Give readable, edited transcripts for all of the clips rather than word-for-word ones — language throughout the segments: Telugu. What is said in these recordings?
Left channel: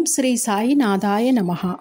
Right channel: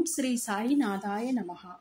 ఓం శ్రీ సాయినాథాయ నమః.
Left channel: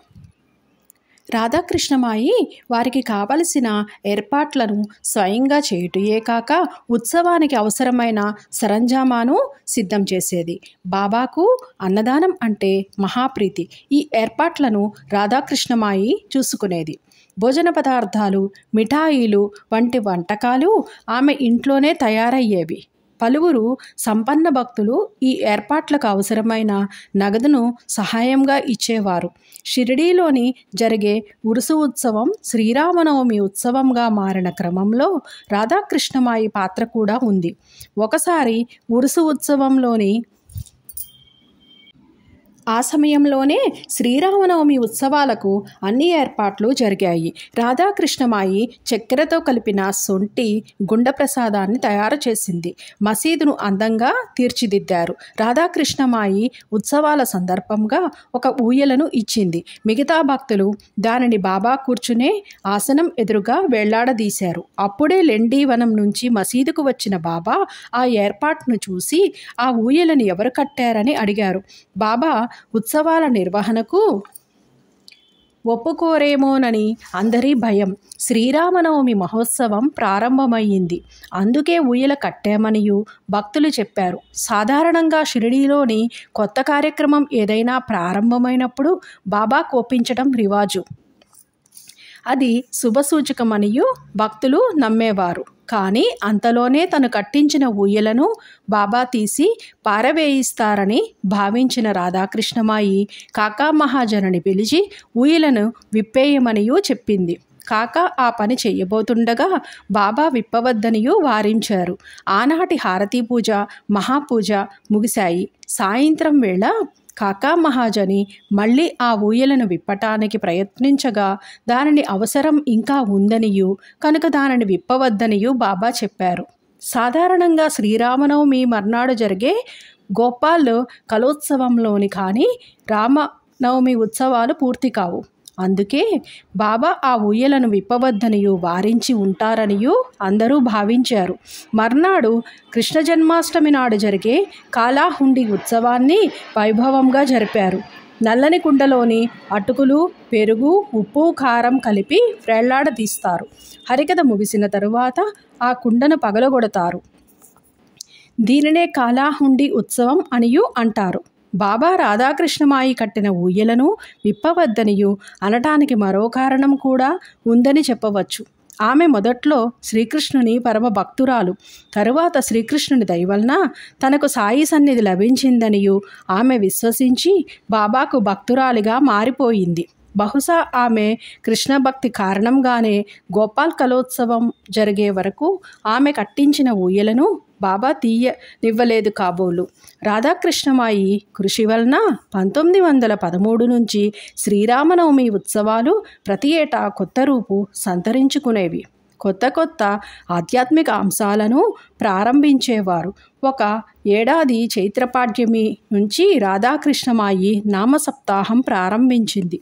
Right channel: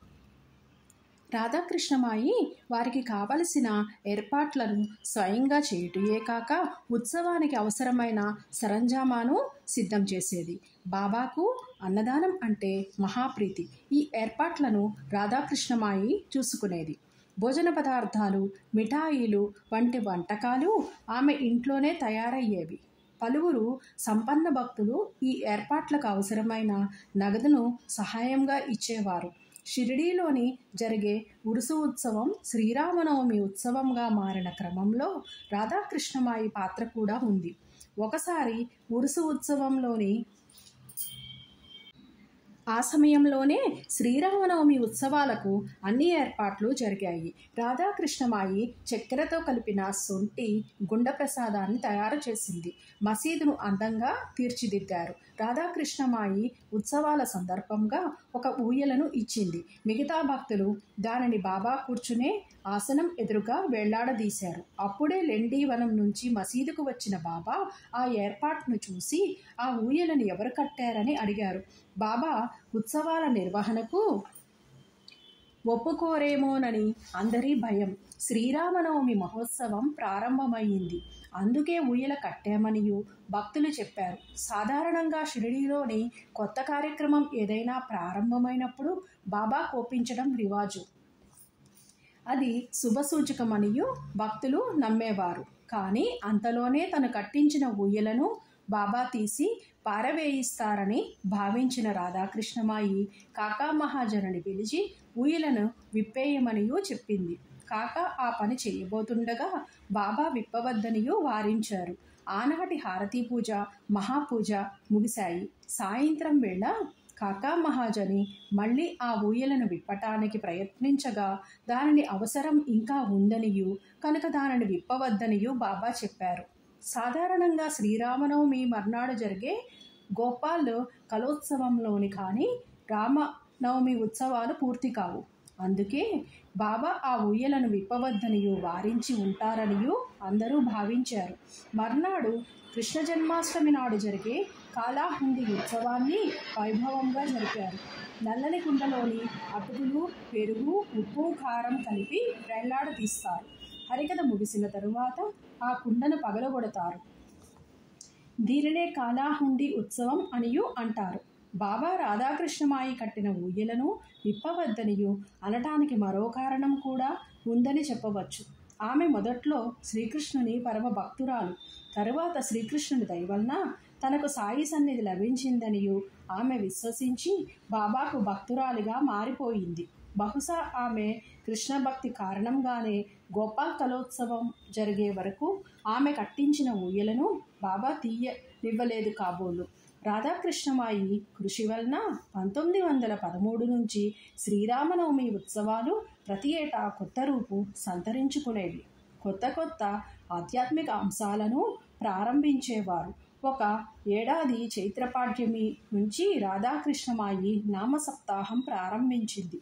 రాధాకృష్ణమాయి వారికి కావలసిన ఏర్పాట్లను స్వయంగా చేయుటయే కాక ఉత్సవానికి అవసరమైన సరంజామాను సిద్ధం చేసేది. బాబాకు అన్నదానం అంటే మహాప్రీతి. ఈ ఏర్పాట్లను రాధాకృష్ణమాయి చూసుకునేది. భోజన పదార్థాలు, మిఠాయిలు వంటి వంటకాలు ఆమె ఇంట్లోనే తయారయ్యేవి. పలువురు సంపన్న భక్తులు ఈ ఏర్పాట్లకు అవసరమైన నగదును సహాయంగా ఇచ్చేవారు. షిరిడీలోని జరిగే ఉరుసు ఉత్సవం శ్రీరామనవమి ఉత్సవంగా మారిన క్రమంలో రాధాకృష్ణమాయి పాత్ర కూడా ఉంది. ఒకసారి ఉరుసు ఉత్సవంలోని ఆ సమయంలోనే శ్రీరామనవమి ఉత్సవాలకు అన్ని ఏర్పాట్లు జరిగాయి. రాధాకృష్ణమాయి చక్కెరతో కలిపిన సొంటి గుండ ప్రసాదాన్ని తయారు చేసింది. మసీదును అందంగా తీర్చిదిద్దారు. రాధాకృష్ణమాయి ఉత్సవాల సందర్భంగా ఒక ఊయలను ఇచ్చింది. మిగతా భక్తులు దానిని బాబా కూర్చునే ఆసనం ఎదురుగా వేళ్లాడదీశారు. అప్పుడే లెండీవనం నుంచి మసీదుకు వచ్చిన బాబా ఆ ఏర్పాటును చూసి ఆ ఊయలను ఎవరు కట్టారని అడిగారు. బాబా ఉత్సవాల నిర్వహణకు ఒప్పుకోరేమోనని అందరి భయం. శ్రీరామనవమి మహోత్సవం ప్రారంభమయ్యింది. అందుకే ఊయల కట్టామనియు భక్తులు చెప్పారు. సాధారణంగా షిరిడీలోని కొత్త కార్యక్రమం ఏదైనా ప్రారంభమైనప్పుడు బాబా కోపించడం రివాజు. అది శుభసూచకమనియు భక్తులు నమ్మేవారు. కానీ అంతలోనే తను కట్టించిన ఊయలను బాబా తీసి పారవేయిస్తారని భావించిన రాధాకృష్ణమాయి కాకా మహాజనుని పిలిచి ఊయలను విప్పేయమనియు చెప్పింది. కాకా ఆ పని చెయ్యబోతుండగా బాబా విప్పవద్దనియు వారించారు. ఆనాటి హారతీ పూజ, మహాపూజ ముగిశాయి. సాయంత్రం వేళ కాకా మహాజని మళ్ళీ ఆ ఊయలను విప్పటానికి ప్రయత్నించగా దానిని అవసరం ఇంకా ఉందనియు కనుక దానిని విప్పవద్దనియు బాబా చెప్పారు. సాధారణంగా శ్రీరామనవమి మర్నాడు జరిగే గోపాల్ కలోత్సవంలోని కానీ రామనవమి ఉత్సవాలు పూర్తి కావు. అందుకే బాబా ఆ ఊయలను విప్పవద్దనియు వారించి ఉంటారనియు అందరూ భావించారు. మర్నాడు కృష్ణ జన్మాష్టమి నాడు జరిగే కాలాహుండి ఉత్సవాన్ని వైభవంగా జరిపారు. నల్లని కుండలోని అటుకులు, పెరుగు, ఉప్పు, కారం కలిపి వేళ్లాడదీస్తారు. హరికథ ముగిసిన తరువాత ఆ కుండను పగలగొడతారు. దీనినే కాలాహుండి ఉత్సవం అనియు అంటారు. బాబా రాధాకృష్ణమాయి కట్టిన ఊయలను విప్పవద్దనియు అనటానికి మరో కారణం కూడా ఉందని చెప్పవచ్చు. ఆమె మొదట్లో శ్రీకృష్ణుని పరమ భక్తురాలు. తరువాత శ్రీకృష్ణుని దయవలన తనకు సాయి సన్నిధి లభించిందనియు ఆమె విశ్వసించి బాబాకు భక్తురాలిగా మారిపోయింది. బహుశా ఆమె కృష్ణ భక్తి కారణంగానే గోపాల్ కలోత్సవం జరిగే వరకు ఆమె కట్టించిన ఊయలను బాబా తీయనివ్వలేదు కాబోలు. రాధాకృష్ణమాయి కృషి వలన 1913 నుంచి శ్రీరామనవమి ఉత్సవాలు ప్రతి ఏటా కొత్త రూపు సంతరించుకునేవి. కొత్త కొత్త ఆధ్యాత్మిక అంశాలను ప్రారంభించేవారు. ఒక ఏడాది చైత్రపాడ్యమి నుంచి రాధాకృష్ణమాయి నామసప్తాహం ప్రారంభించింది.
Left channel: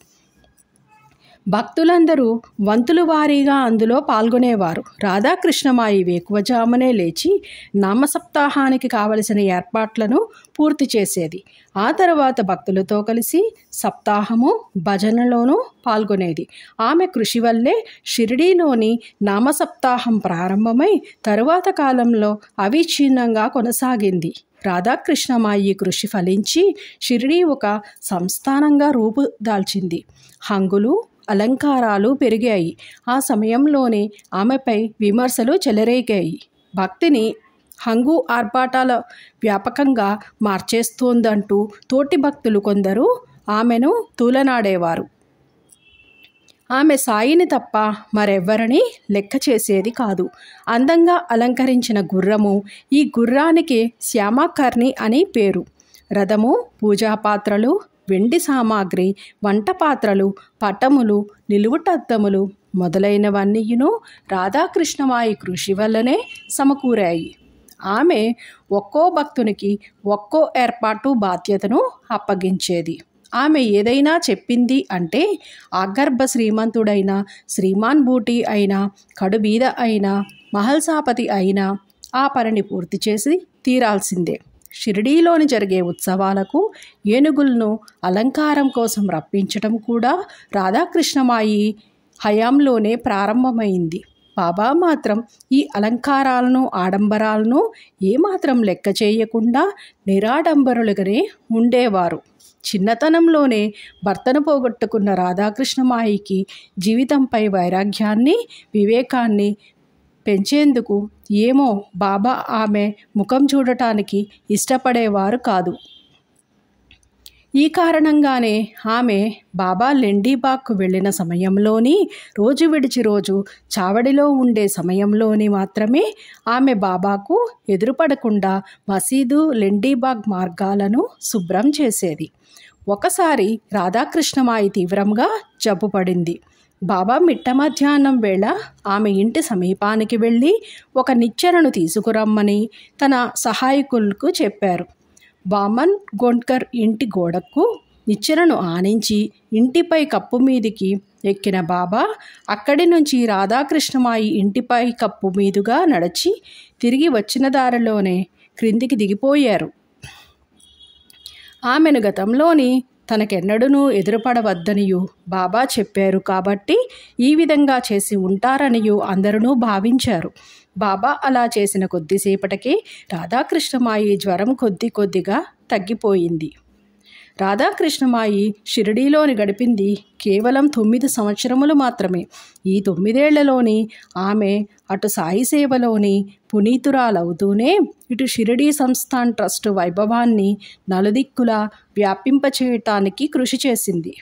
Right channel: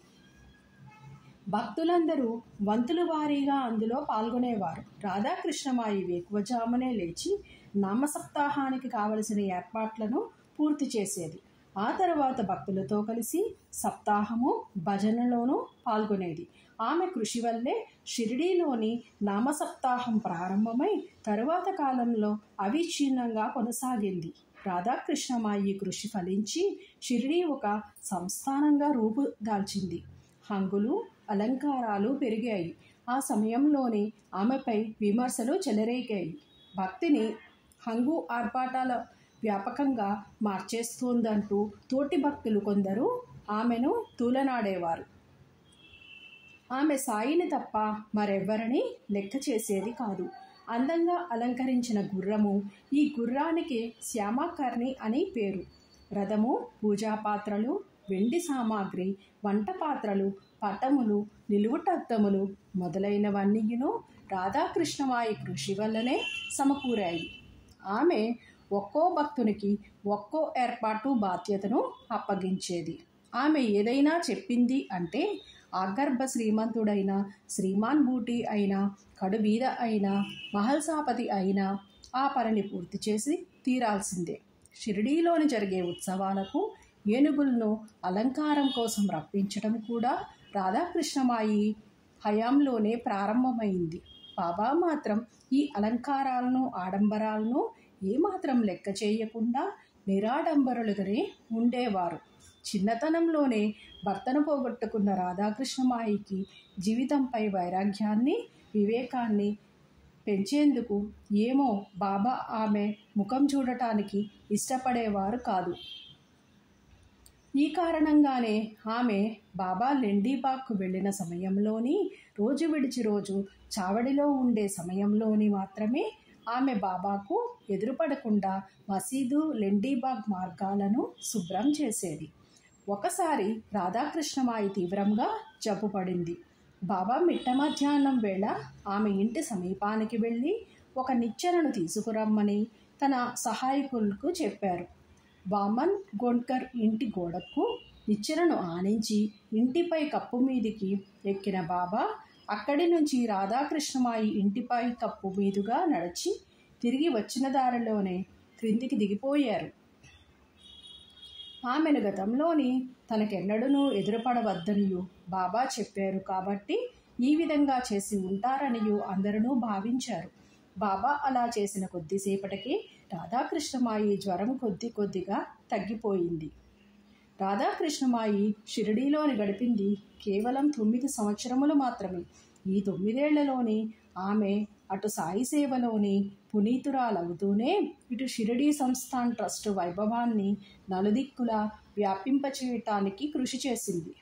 భక్తులందరూ వంతుల వారీగా అందులో పాల్గొనేవారు. రాధాకృష్ణమాయి వేకువజామునే లేచి నామసప్తాహానికి కావలసిన ఏర్పాట్లను పూర్తి చేసేది. ఆ తర్వాత భక్తులతో కలిసి సప్తాహము, భజనలోనూ పాల్గొనేది. ఆమె కృషి వల్లే షిరిడీలోని నామసప్తాహం ప్రారంభమై తరువాత కాలంలో అవిచ్ఛిన్నంగా కొనసాగింది. రాధాకృష్ణమాయి కృషి ఫలించి షిరిడీ ఒక సంస్థానంగా రూపుదాల్చింది. హంగులు, అలంకారాలు పెరిగాయి. ఆ సమయంలోనే ఆమెపై విమర్శలు చెలరేగాయి. భక్తిని హంగు ఆర్భాటాల వ్యాపకంగా మార్చేస్తోందంటూ తోటి భక్తులు కొందరు ఆమెను తూలనాడేవారు. ఆమె సాయిని తప్ప మరెవ్వరిని లెక్క చేసేది కాదు. అందంగా అలంకరించిన గుర్రము, ఈ గుర్రానికి శ్యామకర్ణి అని పేరు. రథము, పూజాపాత్రలు, వెండి సామాగ్రి, వంట పాత్రలు, పటములు, నిలువుటద్దములు మొదలైనవన్నీయును రాధాకృష్ణమాయి కృషి వల్లనే సమకూరాయి. ఆమె ఒక్కో భక్తునికి ఒక్కో ఏర్పాటు బాధ్యతను అప్పగించేది. ఆమె ఏదైనా చెప్పింది అంటే ఆగర్భ శ్రీమంతుడైన శ్రీమాన్ బూటీ అయినా, కడుబీద అయినా, మహల్సాపతి అయినా ఆ పనిని పూర్తి చేసి తీరాల్సిందే. షిరిడీలోని జరిగే ఉత్సవాలకు ఏనుగులను అలంకారం కోసం రప్పించడం కూడా రాధాకృష్ణమాయి హయాంలోనే ప్రారంభమైంది. బాబా మాత్రం ఈ అలంకారాలను, ఆడంబరాలను ఏమాత్రం లెక్క చేయకుండా నిరాడంబరులుగానే ఉండేవారు. చిన్నతనంలోనే భర్తను పోగొట్టుకున్న రాధాకృష్ణమాయికి జీవితంపై వైరాగ్యాన్ని, వివేకాన్ని పెంచేందుకు ఏమో బాబా ఆమె ముఖం చూడటానికి ఇష్టపడేవారు కాదు. ఈ కారణంగానే ఆమె బాబా లెండీబాగ్కు వెళ్ళిన సమయంలోని, రోజు విడిచి రోజు చావడిలో ఉండే సమయంలోని మాత్రమే ఆమె బాబాకు ఎదురుపడకుండా మసీదు, లెండీబాగ్ మార్గాలను శుభ్రం చేసేది. ఒకసారి రాధాకృష్ణమాయి తీవ్రంగా జబ్బుపడింది. బాబా మిట్ట మధ్యాహ్నం వేళ ఆమె ఇంటి సమీపానికి వెళ్ళి ఒక నిచ్చెనను తీసుకురమ్మని తన సహాయకులకు చెప్పారు. వామన్ గోండ్కర్ ఇంటి గోడకు నిచ్చెనను ఆనించి ఇంటిపై కప్పు మీదికి ఎక్కిన బాబా అక్కడి నుంచి రాధాకృష్ణమాయి ఇంటిపై కప్పు మీదుగా నడిచి తిరిగి వచ్చిన దారిలోనే క్రిందికి దిగిపోయారు. ఆమెను గతంలోని తనకెన్నడూనూ ఎదురుపడవద్దనియు బాబా చెప్పారు కాబట్టి ఈ విధంగా చేసి ఉంటారనియు అందరూ భావించారు. బాబా అలా చేసిన కొద్దిసేపటికి రాధాకృష్ణమాయి జ్వరం కొద్దిగా తగ్గిపోయింది. రాధాకృష్ణమాయి షిరిడీలోని గడిపింది కేవలం 9 సంవత్సరములు మాత్రమే. ఈ 9 ఏళ్లలోని ఆమె అటు సాయి సేవలోని పునీతురాలవుతూనే ఇటు షిరిడీ సంస్థాన్ ట్రస్టు వైభవాన్ని నలుదిక్కులా వ్యాపింపచేయటానికి కృషి చేసింది.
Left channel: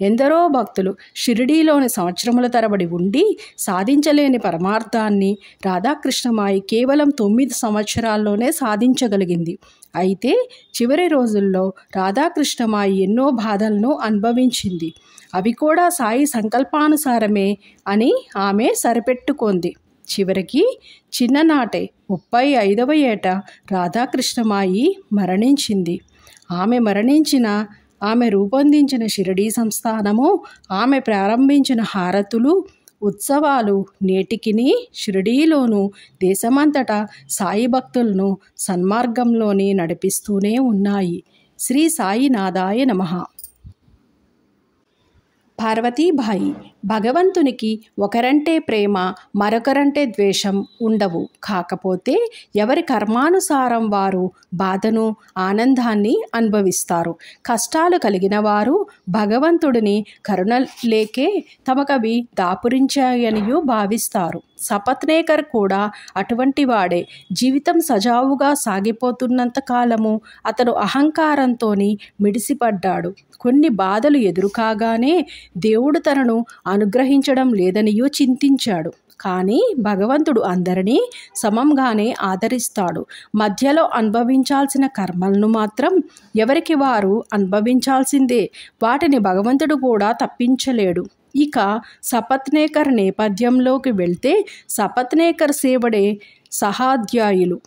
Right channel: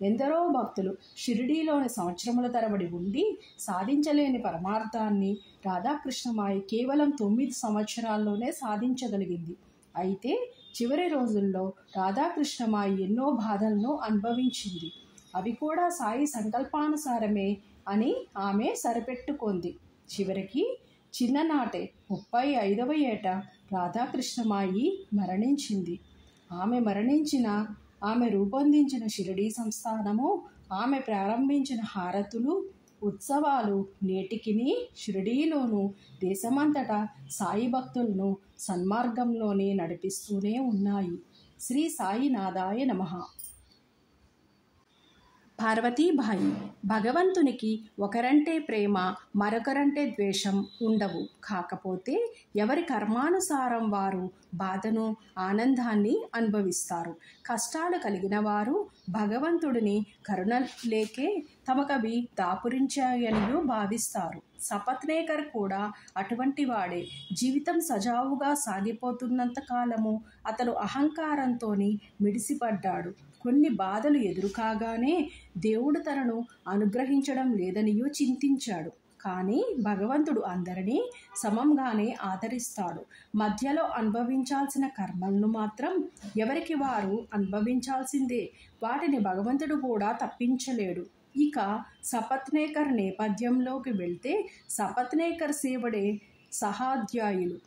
ఎందరో భక్తులు షిరిడీలోని సంవత్సరముల తరబడి ఉండి సాధించలేని పరమార్థాన్ని రాధాకృష్ణమాయి కేవలం 9 సంవత్సరాల్లోనే సాధించగలిగింది. అయితే చివరి రోజుల్లో రాధాకృష్ణమాయి ఎన్నో బాధలను అనుభవించింది. అవి కూడా సాయి సంకల్పానుసారమే అని ఆమె సరిపెట్టుకుంది. చివరికి చిన్ననాటే 35వ ఏట రాధాకృష్ణమాయి మరణించింది. ఆమె మరణించిన ఆమె రూపొందించిన షిరిడీ సంస్థానము, ఆమె ప్రారంభించిన హారతులు, ఉత్సవాలు నేటికిని షిరిడీలోనూ దేశమంతటా సాయి భక్తులను సన్మార్గంలోని నడిపిస్తూనే ఉన్నాయి. శ్రీ సాయినాథాయ నమః. పార్వతీబాయి, భగవంతునికి ఒకరంటే ప్రేమ, మరొకరంటే ద్వేషం ఉండవు. కాకపోతే ఎవరి కర్మానుసారం వారు బాధను, ఆనందాన్ని అనుభవిస్తారు. కష్టాలు కలిగిన వారు భగవంతుడిని కరుణ లేకే తమకవి దాపురించాయనియూ భావిస్తారు. సపత్నేకర్ కూడా అటువంటి వాడే. జీవితం సజావుగా సాగిపోతున్నంత కాలము అతను అహంకారంతోని మిడిసిపడ్డాడు. కొన్ని బాధలు ఎదురుకాగానే దేవుడు తనను అనుగ్రహించడం లేదనియూ చింతించాడు. కానీ భగవంతుడు అందరినీ సమంగానే ఆదరిస్తాడు. మధ్యలో అనుభవించాల్సిన కర్మలను మాత్రం ఎవరికి వారు అనుభవించాల్సిందే. వాటిని భగవంతుడు కూడా తప్పించలేడు. ఇక సపత్నేకర్ నేపథ్యంలోకి వెళ్తే సపత్నేకర్ సేవడే సహాధ్యాయులు.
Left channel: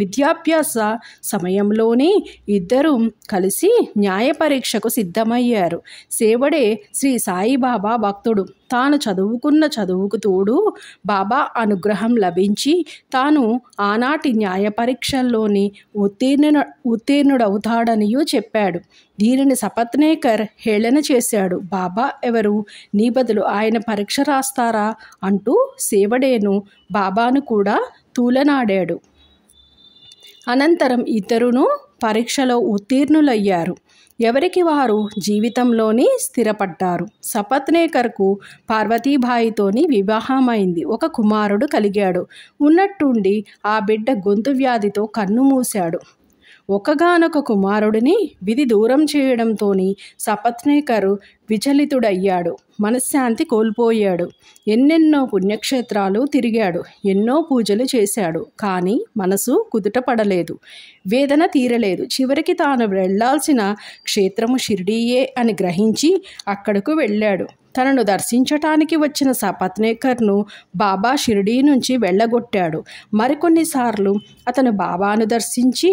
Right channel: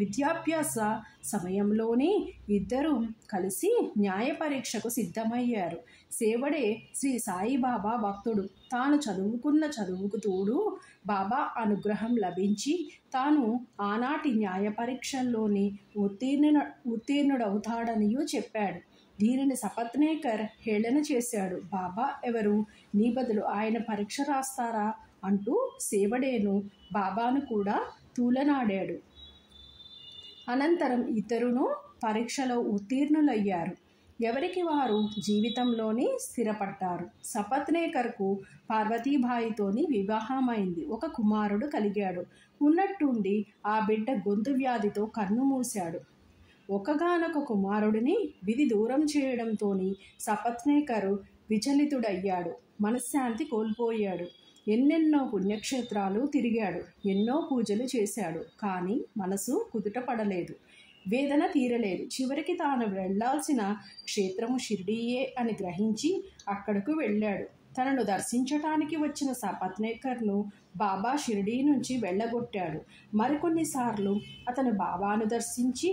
విద్యాభ్యాస సమయంలోనే ఇద్దరూ కలిసి న్యాయ పరీక్షకు సిద్ధమయ్యారు. సేవడే శ్రీ సాయిబాబా భక్తుడు. తాను చదువుకున్న చదువుకు తోడు బాబా అనుగ్రహం లభించి తాను ఆనాటి న్యాయ పరీక్షల్లోని ఉత్తీర్ణుడవుతాడనియూ చెప్పాడు. దీనిని సపత్నేకర్ హేళన చేశాడు. బాబా ఎవరు? నీ బదులు ఆయన పరీక్ష రాస్తారా అంటూ సేవడేను బాబాను కూడా తూలనాడాడు. అనంతరం ఇద్దరును పరీక్షలో ఉత్తీర్ణులయ్యారు. ఎవరికి వారు జీవితంలోని స్థిరపడ్డారు. సపత్నేకర్కు పార్వతీబాయితోని వివాహమైంది. ఒక కుమారుడు కలిగాడు. ఉన్నట్టుండి ఆ బిడ్డ గొంతు వ్యాధితో కన్ను మూశాడు. ఒకగానొక కుమారుడిని విధి దూరం చేయడంతోని సపత్నేకరు విచలితుడయ్యాడు. మనశ్శాంతి కోల్పోయాడు. ఎన్నెన్నో పుణ్యక్షేత్రాలు తిరిగాడు. ఎన్నో పూజలు చేశాడు. కానీ మనసు కుదుటపడలేదు. వేదన తీరలేదు. చివరికి తాను వెళ్లాల్సిన క్షేత్రము షిరిడీయే అని గ్రహించి అక్కడకు వెళ్ళాడు. తనను దర్శించటానికి వచ్చిన సపత్నేకర్ను బాబా షిరిడీ నుంచి వెళ్ళగొట్టాడు. మరికొన్నిసార్లు అతను బాబాను దర్శించి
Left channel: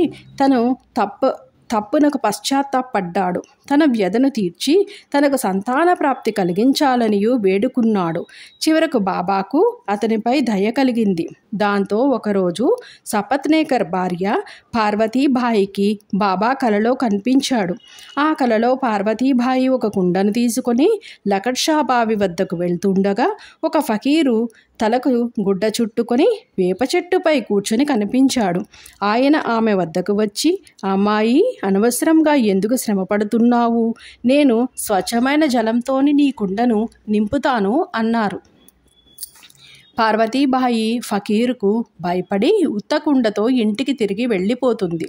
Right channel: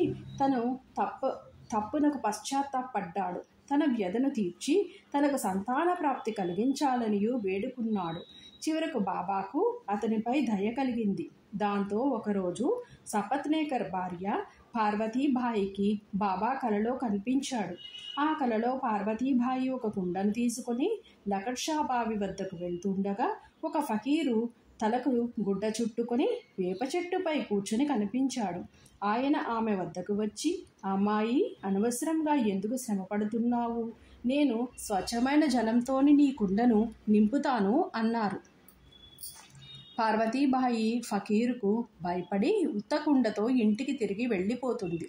తప్పునకు పశ్చాత్తాపడ్డాడు. తన వ్యధను తీర్చి తనకు సంతాన ప్రాప్తి కలిగించాలనియూ వేడుకున్నాడు. చివరకు బాబాకు అతనిపై దయ కలిగింది. దాంతో ఒకరోజు సపత్నేకర్ భార్య పార్వతీబాయికి బాబా కలలో కనిపించాడు. ఆ కలలో పార్వతీబాయి ఒక కుండను తీసుకొని లకడ్షా బావి వద్దకు వెళ్తుండగా ఒక ఫకీరు తలకు గుడ్డ చుట్టుకొని వేప చెట్టుపై కూర్చొని కనిపించాడు. ఆయన ఆమె వద్దకు వచ్చి, అమ్మాయి, అనవసరంగా ఎందుకు శ్రమపడుతున్నావు? నేను స్వచ్ఛమైన జలంతోని నీ కుండను నింపుతాను అన్నారు. పార్వతీబాయి ఫకీరుకు భయపడి ఉత్తకుండతో ఇంటికి తిరిగి వెళ్ళిపోతుంది.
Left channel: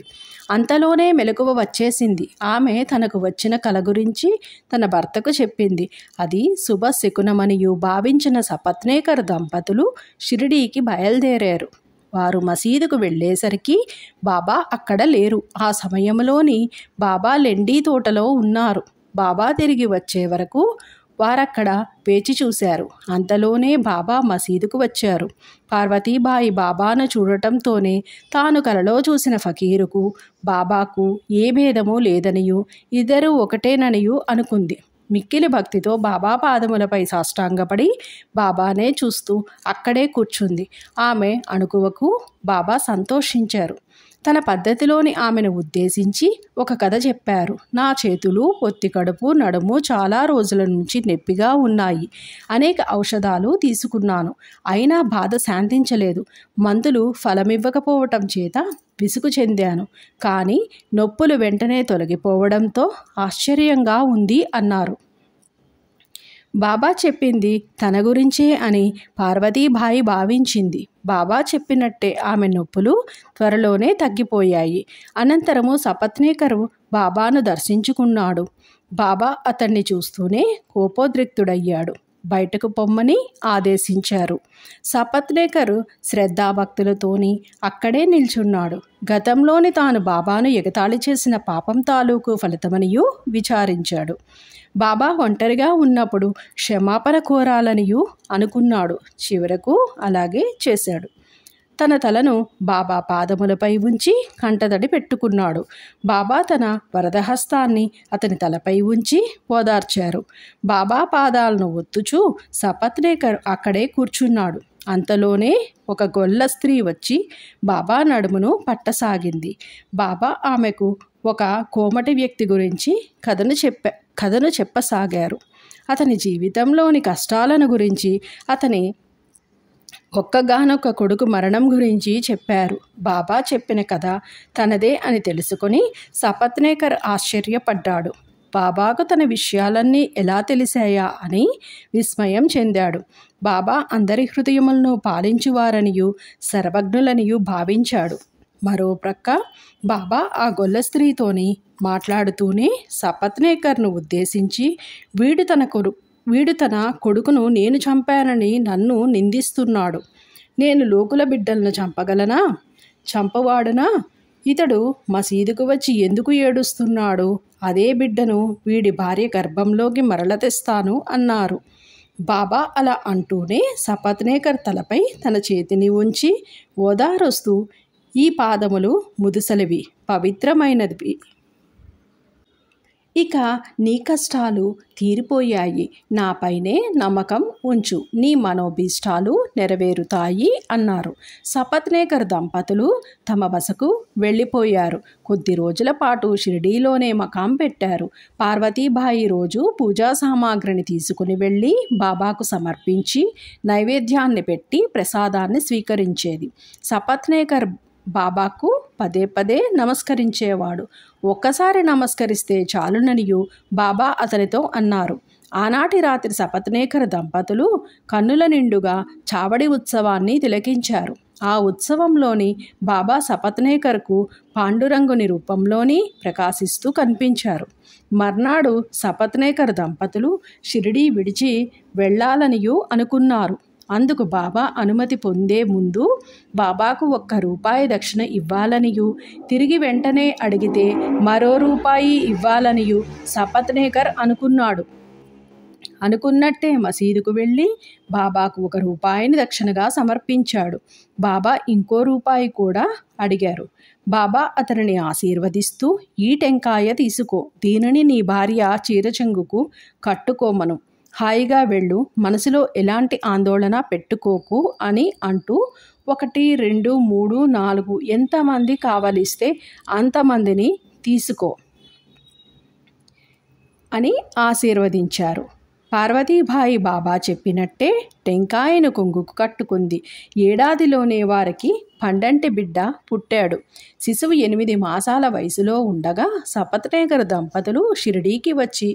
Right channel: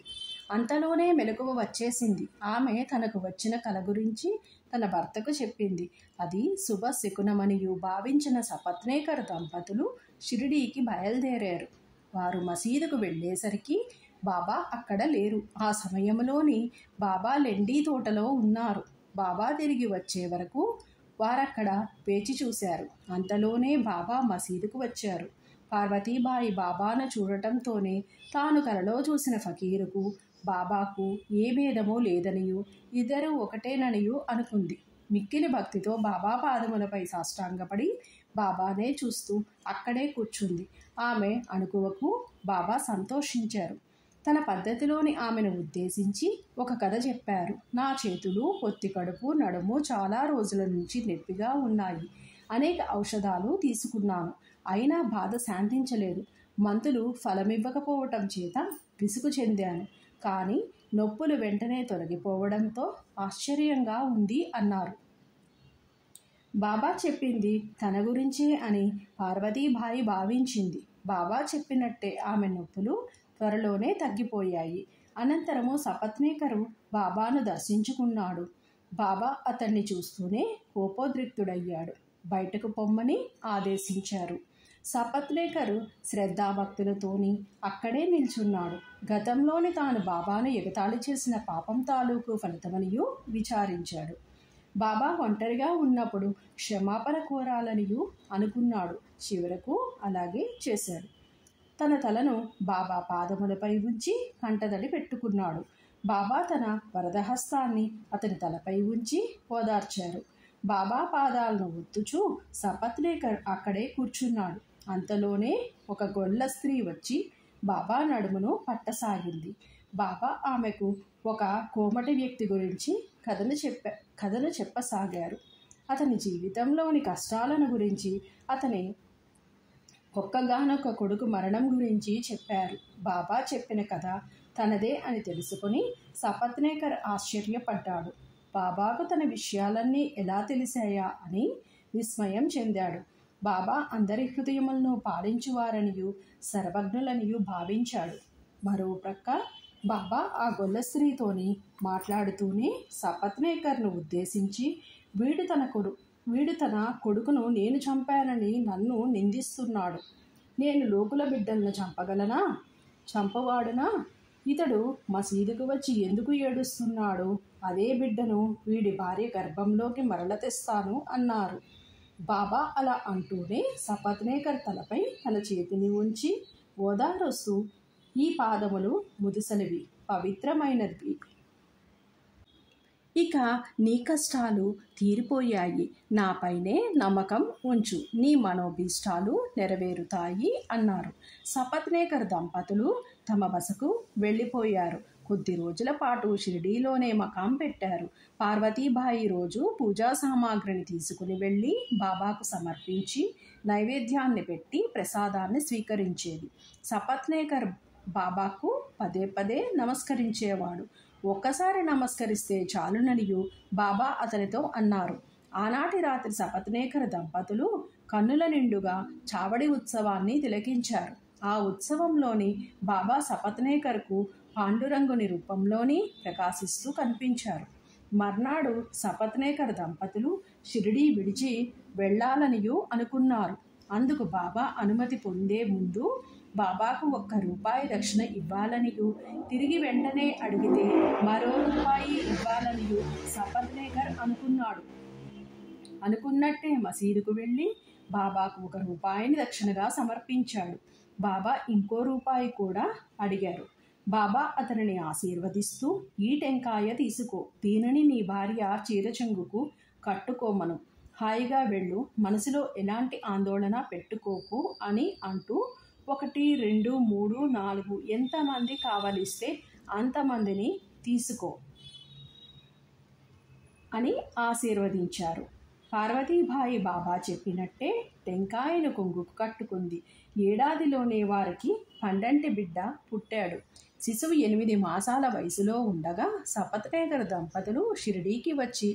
అంతలోనే మెలకువ వచ్చేసింది. ఆమె తనకు వచ్చిన కల గురించి తన భర్తకు చెప్పింది. అది శుభశకునమనియు భావించిన సపత్నేకర్ దంపతులు షిరిడీకి బయలుదేరారు. వారు మసీదుకు వెళ్ళేసరికి బాబా అక్కడ లేరు. ఆ సమయంలోని బాబా లెండీ తోటలో ఉన్నారు. బాబా తిరిగి వచ్చే వరకు వారక్కడ వేచి చూశారు. అంతలోనే బాబా మసీదుకు వచ్చారు. పార్వతీబాయి బాబాను చూడటంతోనే తాను కలలో చూసిన ఫకీరుకు బాబాకు ఏ భేదమూ లేదనియూ ఇద్దరూ ఒకటేననియూ అనుకుంది. మిక్కిలి భక్తితో బాబా పాదములపై సాష్టాంగపడి బాబానే చూస్తూ అక్కడే కూర్చుంది. ఆమె అణుకువకు బాబా సంతోషించారు. తన పద్ధతిలోని ఆమెను ఉద్దేశించి ఒక కథ చెప్పారు. నా చేతులు, పొత్తి కడుపు, నడుము చాలా రోజుల నుంచి నొప్పిగా ఉన్నాయి. అనేక ఔషధాలు తీసుకున్నాను. అయినా బాధ శాంతించలేదు. మందులు ఫలమివ్వకపోవటం చేత విసుగు చెందాను. కానీ నొప్పులు వెంటనే తొలగిపోవడంతో ఆశ్చర్యంగా ఉంది అన్నారు. బాబా చెప్పింది తన గురించే అని పార్వతీబాయి భావించింది. బాబా చెప్పినట్టే ఆమె నొప్పులు త్వరలోనే తగ్గిపోయాయి. అనంతరము సపత్నేకరు బాబాను దర్శించుకున్నాడు. బాబా అతన్ని చూస్తూనే కోపోద్రిక్తుడయ్యాడు. బయటకు పొమ్మని ఆదేశించారు. సపత్నేకర్ శ్రద్ధాభక్తులతోని అక్కడే నిల్చున్నాడు. గతంలోని తాను బాబాను ఎగతాళి చేసిన పాపం తాలూకు ఫలితమనియూ విచారించాడు. బాబా ఒంటరిగా ఉన్నప్పుడు క్షమాపణ కోరాలనియూ అనుకున్నాడు. చివరకు అలాగే చేశాడు. తన తలను బాబా పాదములపై ఉంచి కంటతడి పెట్టుకున్నాడు. బాబా తన వరదహస్తాన్ని అతని తలపై ఉంచి ఓదార్చారు. బాబా పాదాలను ఒత్తుచూ సపత్నేకర్ అక్కడే కూర్చున్నాడు. అంతలోనే ఒక గొల్ల స్త్రీ వచ్చి బాబా నడుమును పట్టసాగింది. బాబా ఆమెకు ఒక కోమటి వ్యక్తి గురించి కథను చెప్పసాగారు. అతని జీవితంలోని కష్టాలను గురించి, అతని ఒక్కగానొక్క కొడుకు మరణం గురించి చెప్పారు. బాబా చెప్పిన కథ తనదే అని తెలుసుకొని సపత్నేకర్ ఆశ్చర్యపడ్డాడు. బాబాకు తన విషయాలన్నీ ఎలా తెలిసాయా అని విస్మయం చెందాడు. బాబా అందరి హృదయములను పాలించువారనియు సర్వజ్ఞులనియు భావించాడు. మరో ప్రక్క బాబా ఆ గొల్ల స్త్రీతోని మాట్లాడుతూనే సపత్నేకర్ను ఉద్దేశించి, వీడు తన కొడుకును నేను చంపానని నన్ను నిందిస్తున్నాడు. నేను లోకుల బిడ్డలను చంపగలనా? చంపవాడునా? ఇతడు మసీదుకు వచ్చి ఎందుకు ఏడుస్తున్నాడు? అదే బిడ్డను వీడి భార్య గర్భంలోకి మరల తెస్తాను అన్నారు. బాబా అలా అంటూనే సపత్నేకర్ తలపై తన చేతిని ఉంచి ఓదారుస్తూ, ఈ పాదములు ముదుసలివి, పవిత్రమైనవి. ఇక నీ కష్టాలు తీరిపోయాయి. నాపైనే నమ్మకం ఉంచు. నీ మనోభీష్టాలు నెరవేరుతాయి అన్నారు. సపత్నేకర్ దంపతులు తమ బసకు వెళ్ళిపోయారు. కొద్ది రోజుల పాటు షిరిడీలోనే మకాం పెట్టారు. పార్వతీబాయి రోజు పూజా సామాగ్రిని తీసుకుని వెళ్ళి బాబాకు సమర్పించి నైవేద్యాన్ని పెట్టి ప్రసాదాన్ని స్వీకరించేది. సపత్నేకర్ బాబాకు పదే పదే నమస్కరించేవాడు. ఒక్కసారి నమస్కరిస్తే చాలుననియు బాబా అతనితో అన్నారు. ఆనాటి రాత్రి సపత్నేకర్ దంపతులు కన్నుల నిండుగా చావడి ఉత్సవాన్ని తిలకించారు. ఆ ఉత్సవంలోని బాబా సపత్నేకర్కు పాండురంగుని రూపంలోని ప్రకాశిస్తూ కనిపించారు. మర్నాడు సపత్నేకర్ దంపతులు షిరిడీ విడిచి వెళ్ళాలనియూ అనుకున్నారు. అందుకు బాబా అనుమతి పొందే ముందు బాబాకు ₹1 దక్షిణ ఇవ్వాలనియూ, తిరిగి వెంటనే అడిగితే మరో రూపాయి ఇవ్వాలనియూ సపత్నేకర్ అనుకున్నాడు. అనుకున్నట్టే మసీదుకు వెళ్ళి బాబాకు ₹1 దక్షిణగా సమర్పించాడు. బాబా ఇంకో రూపాయి కూడా అడిగారు. బాబా అతనిని ఆశీర్వదిస్తూ, ఈ టెంకాయ తీసుకో, దీనిని నీ భార్య చీరచెంగుకు కట్టుకోమను, హాయిగా వెళ్ళు, మనసులో ఎలాంటి ఆందోళన పెట్టుకోకు అని అంటూ 1, 2, 3, 4 ఎంతమంది కావలిస్తే అంతమందిని తీసుకో అని ఆశీర్వదించారు. పార్వతీబాయి బాబా చెప్పినట్టే టెంకాయను కొంగుకు కట్టుకుంది. ఏడాదిలోనే వారికి పండంటి బిడ్డ పుట్టాడు. శిశువు 8 మాసాల వయసులో ఉండగా సపత్నేకర్ దంపతులు షిరిడీకి వచ్చి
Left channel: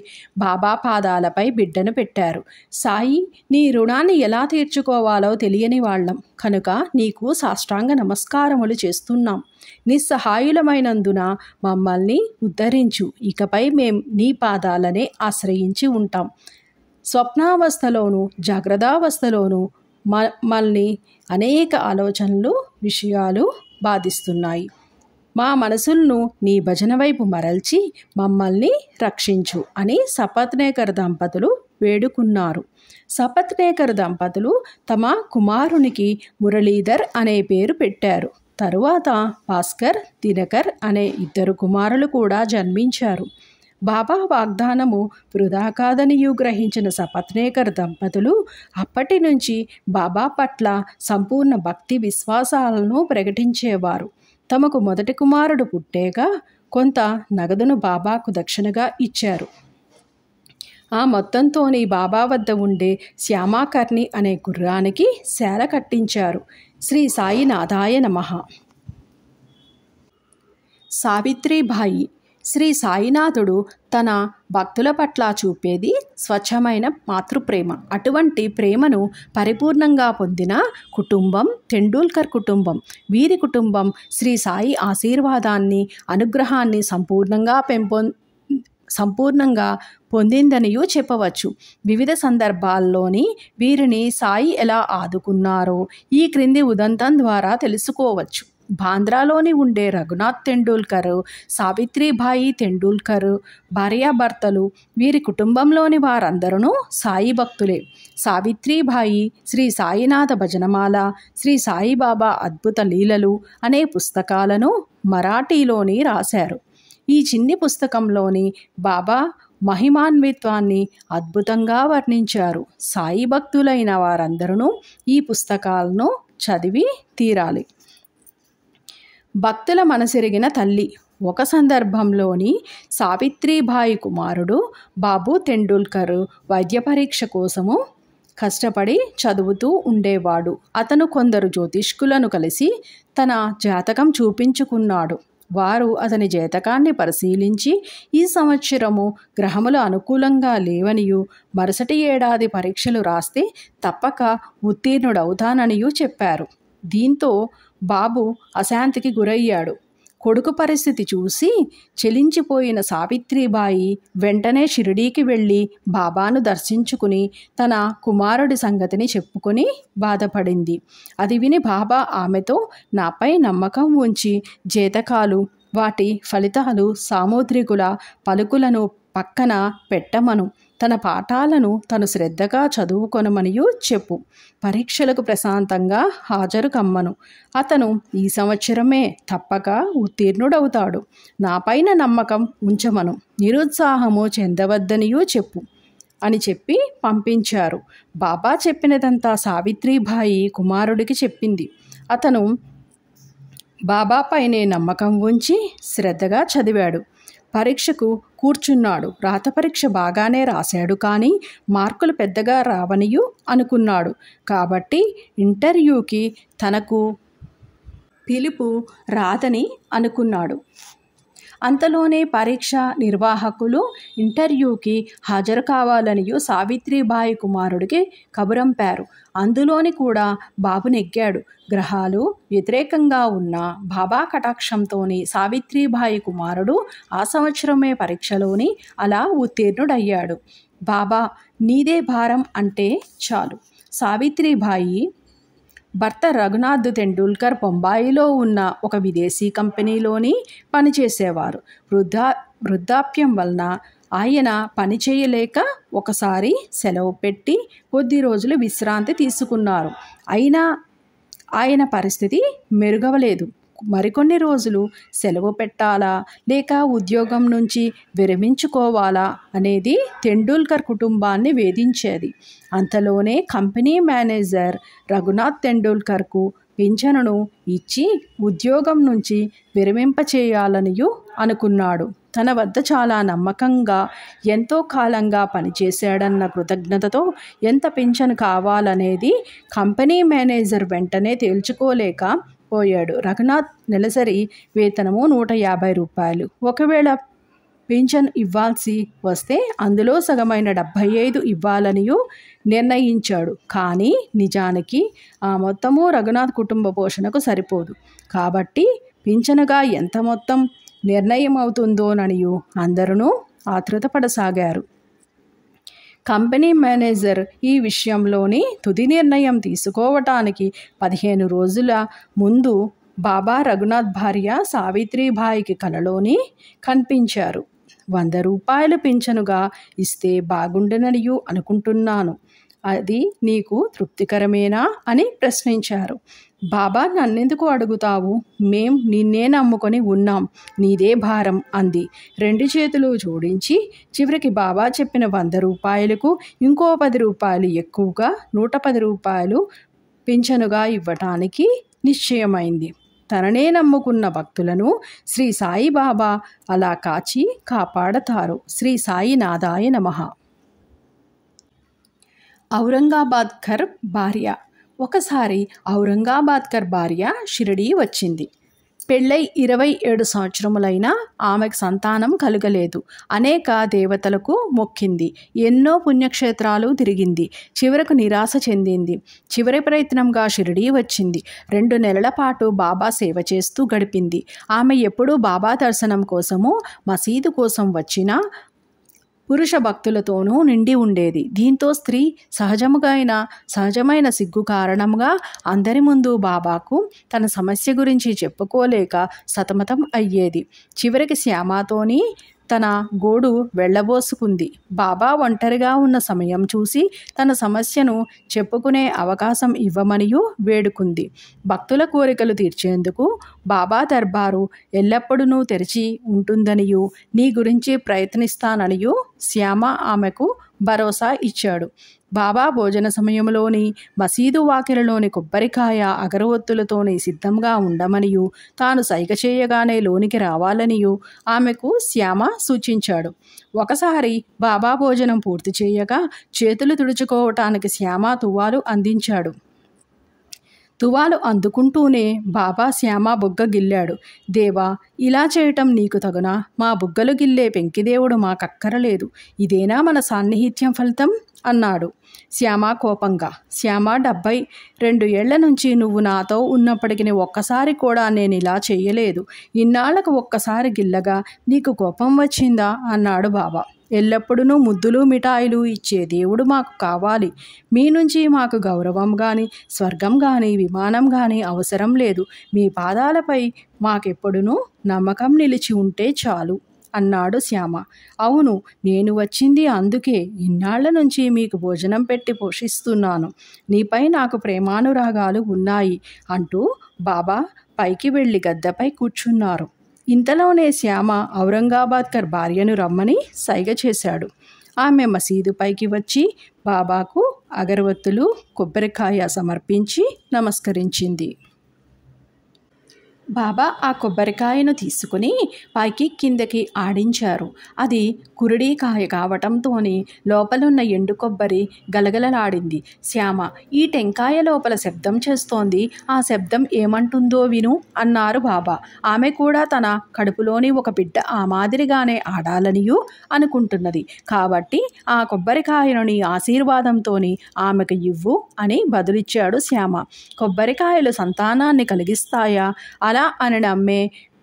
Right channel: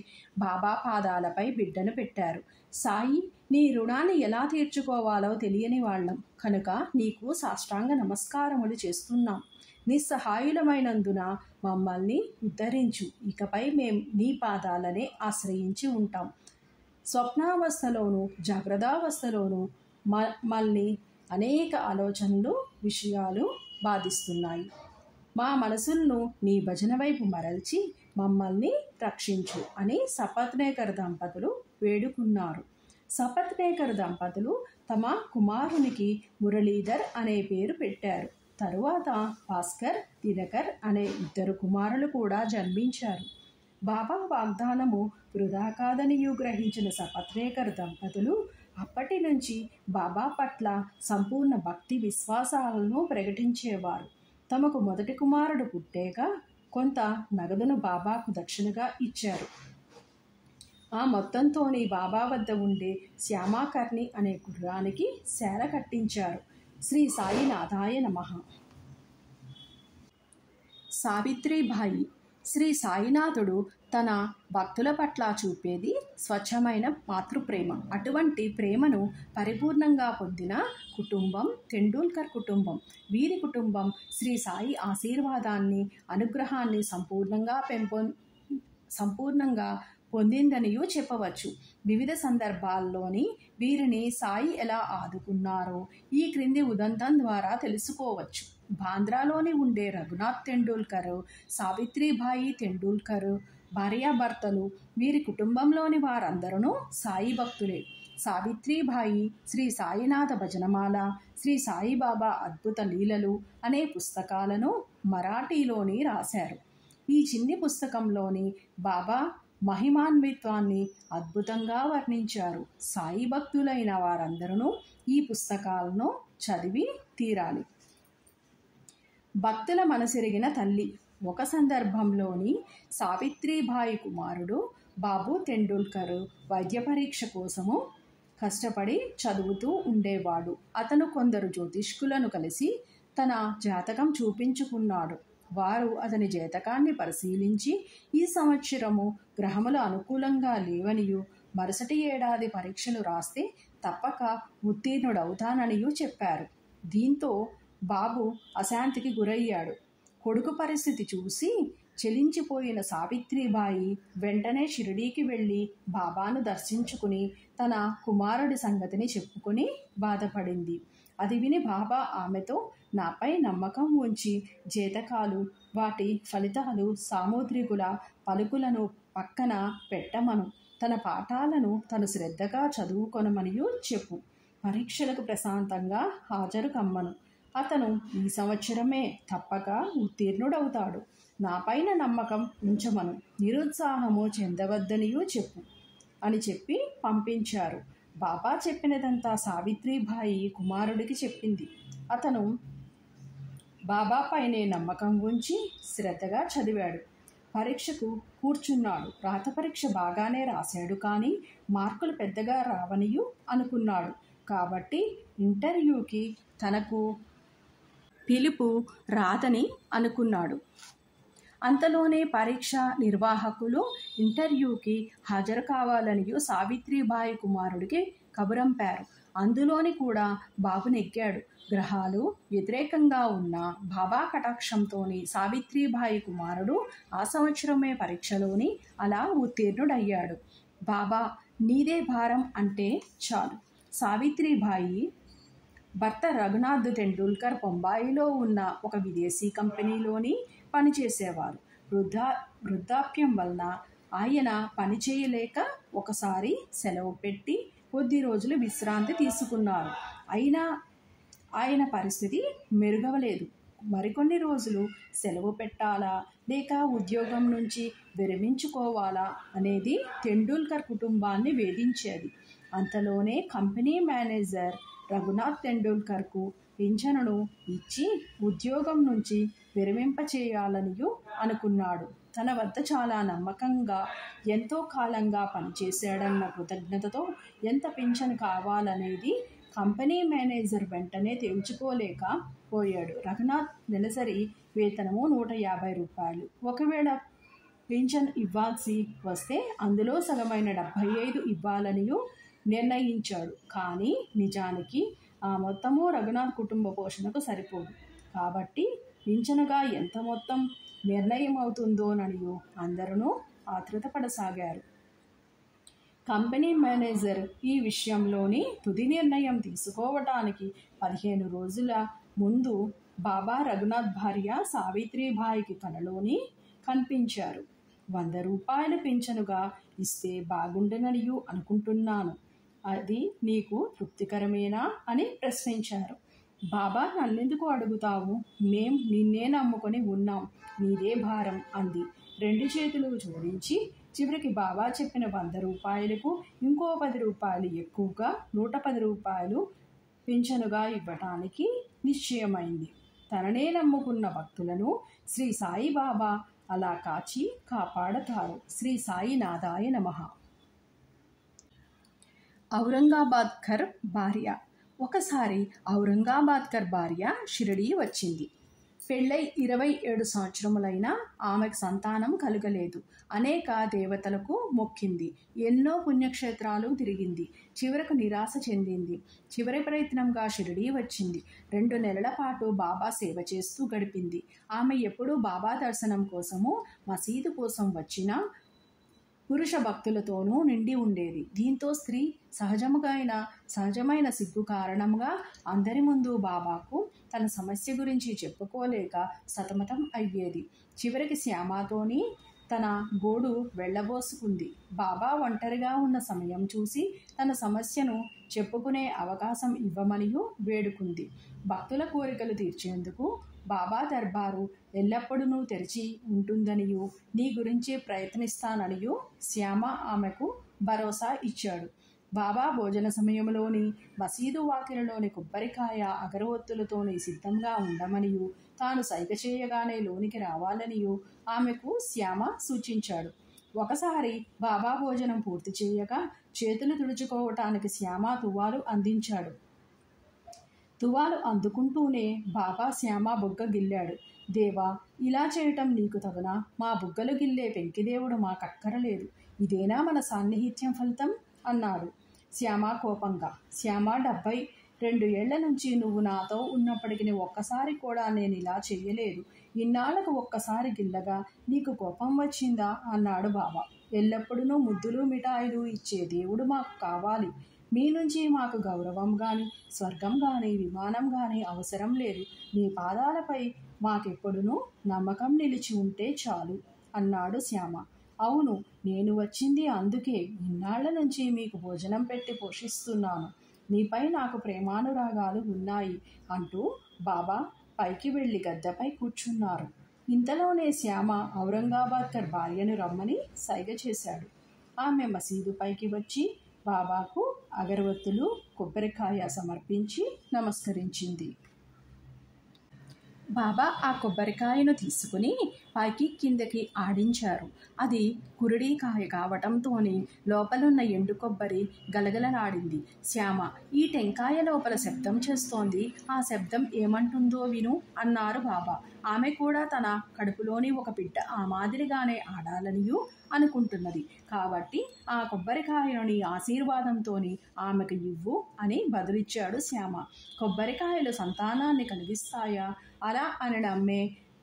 బాబా పాదాలపై బిడ్డను పెట్టారు. సాయి, నీ రుణాన్ని ఎలా తీర్చుకోవాలో తెలియని వాళ్ళం కనుక నీకు సాష్టాంగ నమస్కారములు చేస్తున్నాం. నిస్సహాయులమైనందున మమ్మల్ని ఉద్ధరించు. ఇకపై మేం నీ పాదాలనే ఆశ్రయించి ఉంటాం. స్వప్నావస్థలోనూ జాగ్రత్తావస్థలోనూ మమ్మల్ని అనేక ఆలోచనలు, విషయాలు బాధిస్తున్నాయి. మా మనసులను నీ భజన వైపు మరల్చి మమ్మల్ని రక్షించు అని సపత్నేకర్ దంపతులు వేడుకున్నారు. సపత్నేకర్ దంపతులు తమ కుమారునికి మురళీధర్ అనే పేరు పెట్టారు. తరువాత భాస్కర్, దినకర్ అనే 2 కుమారులు కూడా జన్మించారు. బాబా వాగ్దానము వృధా కాదనియు గ్రహించిన సపత్నేకర్ దంపతులు అప్పటి నుంచి బాబా పట్ల సంపూర్ణ భక్తి విశ్వాసాలను ప్రకటించేవారు. తమకు మొదటి కుమారుడు పుట్టాక కొంత నగదును బాబాకు దక్షిణగా ఇచ్చారు. ఆ మొత్తంతోని బాబా వద్ద ఉండే శ్యామాకర్ణి అనే గుర్రానికి శాల కట్టించారు. శ్రీ సాయినాథాయ నమః. సావిత్రిబాయి. శ్రీ సాయినాథుడు తన భక్తుల పట్ల చూపేది స్వచ్ఛమైన మాతృప్రేమ. అటువంటి ప్రేమను పరిపూర్ణంగా పొందిన కుటుంబం తెండూల్కర్ కుటుంబం. వీరి కుటుంబం శ్రీ సాయి ఆశీర్వాదాన్ని, అనుగ్రహాన్ని సంపూర్ణంగా పొందిందనియూ చెప్పవచ్చు. వివిధ సందర్భాల్లోని వీరిని సాయి ఎలా ఆదుకున్నారో ఈ క్రింది ఉదంతం ద్వారా తెలుసుకోవచ్చు. బాంద్రాలోని ఉండే రఘునాథ్ తెండూల్కర్, సావిత్రిబాయి తెండూల్కర్ భార్యాభర్తలు. వీరి కుటుంబంలోని వారందరూ సాయి భక్తులే. సావిత్రిబాయి శ్రీ సాయినాథ భజనమాల, శ్రీ సాయిబాబా అద్భుత లీలలు అనే పుస్తకాలను మరాఠీలోని రాశారు. ఈ చిన్ని పుస్తకంలోని బాబా మహిమాన్విత్వాన్ని అద్భుతంగా వర్ణించారు. సాయి భక్తులైన వారందరూ ఈ పుస్తకాలను చదివి తీరాలి. భక్తుల మనసెరిగిన తల్లి. ఒక సందర్భంలోని సావిత్రిబాయి కుమారుడు బాబు తెండూల్కర్ వైద్య పరీక్ష కోసము కష్టపడి చదువుతూ ఉండేవాడు. అతను కొందరు జ్యోతిష్కులను కలిసి తన జాతకం చూపించుకున్నాడు. వారు అతని జాతకాన్ని పరిశీలించి ఈ సంవత్సరము గ్రహములు అనుకూలంగా లేవనియు, మరుసటి ఏడాది పరీక్షలు రాస్తే తప్పక ఉత్తీర్ణుడవుతాననియూ చెప్పారు. దీంతో బాబు అశాంతికి గురయ్యాడు. కొడుకు పరిస్థితి చూసి చెలించిపోయిన సావిత్రిబాయి వెంటనే షిరిడీకి వెళ్ళి బాబాను దర్శించుకుని తన కుమారుడి సంగతిని చెప్పుకొని బాధపడింది. అది విని బాబా ఆమెతో నాపై నమ్మకం ఉంచి జాతకాలు, వాటి ఫలితాలు, సాముద్రికుల పలుకులను పక్కన పెట్టమను, తన పాఠాలను తను శ్రద్ధగా చదువుకొనమనియూ చెప్పు, పరీక్షలకు ప్రశాంతంగా హాజరు కమ్మను, అతను ఈ సంవత్సరమే తప్పక ఉత్తీర్ణుడవుతాడు, నాపైన నమ్మకం ఉంచమను, నిరుత్సాహము చెందవద్దనియూ చెప్పు అని చెప్పి పంపించారు. బాబా చెప్పినదంతా సావిత్రిబాయి కుమారుడికి చెప్పింది. అతను బాబాపైనే నమ్మకం ఉంచి శ్రద్ధగా చదివాడు. పరీక్షకు కూర్చున్నాడు. రాత పరీక్ష బాగానే రాశాడు, కానీ మార్కులు పెద్దగా రావనియూ అనుకున్నాడు. కాబట్టి ఇంటర్వ్యూకి తనకు పిలుపు రాదని అనుకున్నాడు. అంతలోనే పరీక్ష నిర్వాహకులు ఇంటర్వ్యూకి హాజరు కావాలనియూ సావిత్రిబాయి కుమారుడికి కబురంపారు. అందులోని కూడా బాబు నెగ్గాడు. గ్రహాలు వ్యతిరేకంగా ఉన్న బాబా కటాక్షంతోని సావిత్రిబాయి కుమారుడు ఆ సంవత్సరమే పరీక్షలోని అలా ఉత్తీర్ణుడయ్యాడు. బాబా నీదే భారం అంటే చాలు. సావిత్రిబాయి భర్త రఘునాథ్ తెండూల్కర్ బొంబాయిలో ఉన్న ఒక విదేశీ కంపెనీలోని పనిచేసేవారు. వృద్ధాప్యం వలన ఆయన పని చేయలేక ఒకసారి సెలవు పెట్టి కొద్ది రోజులు విశ్రాంతి తీసుకున్నారు. అయినా ఆయన పరిస్థితి మెరుగవలేదు. మరికొన్ని రోజులు సెలవు పెట్టాలా లేక ఉద్యోగం నుంచి విరమించుకోవాలా అనేది తెండూల్కర్ కుటుంబాన్ని వేధించేది. అంతలోనే కంపెనీ మేనేజర్ రఘునాథ్ తెండూల్కర్కు పింఛనును ఇచ్చి ఉద్యోగం నుంచి విరమింపచేయాలనియూ అనుకున్నాడు. తన వద్ద చాలా నమ్మకంగా ఎంతో కాలంగా పనిచేశాడన్న కృతజ్ఞతతో ఎంత పింఛను కావాలనేది కంపెనీ మేనేజర్ వెంటనే తేల్చుకోలేక పోయాడు. రఘునాథ్ నెలసరి వేతనము 150 రూపాయలు. ఒకవేళ పింఛన్ ఇవ్వాల్సి వస్తే అందులో సగమైన 75 ఇవ్వాలనియూ నిర్ణయించాడు. కానీ నిజానికి ఆ మొత్తము రఘునాథ్ కుటుంబ పోషణకు సరిపోదు. కాబట్టి పింఛనుగా ఎంత మొత్తం నిర్ణయం అవుతుందోననియూ అందరూ ఆతృతపడసాగారు. కంపెనీ మేనేజర్ ఈ విషయంలోని తుది నిర్ణయం తీసుకోవటానికి 15 రోజుల ముందు బాబా రఘునాథ్ భార్య సావిత్రిబాయికి కలలోని కనిపించారు. 100 రూపాయలు పింఛనుగా ఇస్తే బాగుండననియూ అనుకుంటున్నాను. అది నీకు తృప్తికరమేనా అని ప్రశ్నించారు. బాబా, నన్నెందుకు అడుగుతావు? మేం నిన్నే నమ్ముకొని ఉన్నాం, నీదే భారం అంది 2 చేతులు జోడించి. చివరికి బాబా చెప్పిన 100 రూపాయలకు ఇంకో 10 రూపాయలు ఎక్కువగా 110 రూపాయలు పింఛనుగా ఇవ్వటానికి నిశ్చయమైంది. తననే నమ్ముకున్న భక్తులను శ్రీ సాయిబాబా అలా కాచి కాపాడతారు. శ్రీ సాయినాథాయ నమః. ఔరంగాబాద్కర్ భార్య. ఒకసారి ఔరంగాబాద్కర్ భార్య షిరిడీ వచ్చింది. పెళ్ళై 27 సంవత్సరములైనా ఆమెకు సంతానం కలుగలేదు. అనేక దేవతలకు మొక్కింది. ఎన్నో పుణ్యక్షేత్రాలు తిరిగింది. చివరకు నిరాశ చెందింది. చివరి ప్రయత్నంగా షిరిడీ వచ్చింది. 2 నెలల పాటు బాబా సేవ చేస్తూ గడిపింది. ఆమె ఎప్పుడూ బాబా దర్శనం కోసము మసీదు కోసం వచ్చినా పురుష భక్తులతోనూ నిండి ఉండేది. దీంతో స్త్రీ సహజమైన సిగ్గు కారణంగా అందరి ముందు బాబాకు తన సమస్య గురించి చెప్పుకోలేక సతమతం అయ్యేది. చివరికి శ్యామతోని తన గోడు వెళ్ళబోసుకుంది. బాబా ఒంటరిగా ఉన్న సమయం చూసి తన సమస్యను చెప్పుకునే అవకాశం ఇవ్వమనియూ వేడుకుంది. భక్తుల కోరికలు తీర్చేందుకు బాబా దర్బారు ఎల్లప్పుడూ తెరిచి ఉంటుందనియూ నీ గురించి ప్రయత్నిస్తాననియూ శ్యామ ఆమెకు భరోసా ఇచ్చాడు. బాబా భోజన సమయంలోని మసీదు వాకిలలోని కొబ్బరికాయ అగరవత్తులతోని సిద్ధంగా ఉండమనియూ తాను సైగ చేయగానే లోనికి రావాలనియూ ఆమెకు శ్యామ సూచించాడు. ఒకసారి బాబా భోజనం పూర్తి చేయగా చేతులు తుడుచుకోవటానికి శ్యామ తువాలు అందించాడు. తువాలు అందుకుంటూనే బాబా శ్యామ బుగ్గ గిల్లాడు. దేవా, ఇలా చేయటం నీకు తగునా? మా బుగ్గలు గిల్లే పెంకిదేవుడు మాకక్కరలేదు. ఇదేనా మన సాన్నిహిత్యం ఫలితం అన్నాడు శ్యామ కోపంగా. శ్యామ, 72 ఏళ్ల నుంచి నువ్వు నాతో ఉన్నప్పటికీ ఒక్కసారి కూడా నేను ఇలా చెయ్యలేదు. ఇన్నాళ్లకు ఒక్కసారి గిల్లగా నీకు కోపం వచ్చిందా అన్నాడు బాబా. ఎల్లప్పుడూ ముద్దులు మిఠాయిలు ఇచ్చే దేవుడు మాకు కావాలి. మీ నుంచి మాకు గౌరవం కానీ, స్వర్గం కానీ, విమానం కానీ అవసరం లేదు. మీ పాదాలపై మాకెప్పుడునూ నమ్మకం నిలిచి ఉంటే చాలు అన్నాడు శ్యామ. అవును, నేను వచ్చింది అందుకే. ఇన్నాళ్ల నుంచి మీకు భోజనం పెట్టి పోషిస్తున్నాను. నీపై నాకు ప్రేమానురాగాలు ఉన్నాయి అంటూ బాబా పైకి వెళ్ళి గద్దపై కూర్చున్నారు. ఇంతలోనే శ్యామ ఔరంగాబాద్కర్ భార్యను రమ్మని సైగ చేశాడు. ఆమె మసీదు పైకి వచ్చి బాబాకు అగరవత్తులు, కొబ్బరికాయ సమర్పించి నమస్కరించింది. బాబా ఆ కొబ్బరికాయను తీసుకుని పైకి కిందకి ఆడించారు. అది కురిడికాయ కావటంతోని లోపలున్న ఎండు కొబ్బరి గలగలలాడింది. శ్యామ, ఈ టెంకాయ లోపల శబ్దం చేస్తోంది. ఆ శబ్దం ఏమంటుందో విను అన్నారు బాబా. ఆమె కూడా తన కడుపులోని ఒక బిడ్డ ఆ మాదిరిగానే ఆడాలనియూ అనుకుంటున్నది. కాబట్టి ఆ కొబ్బరికాయను నీ ఆశీర్వాదంతోని ఆమెకు ఇవ్వు అని బదులిచ్చాడు శ్యామ. కొబ్బరికాయలు సంతానాన్ని కలిగిస్తాయా? అలా అని నమ్మే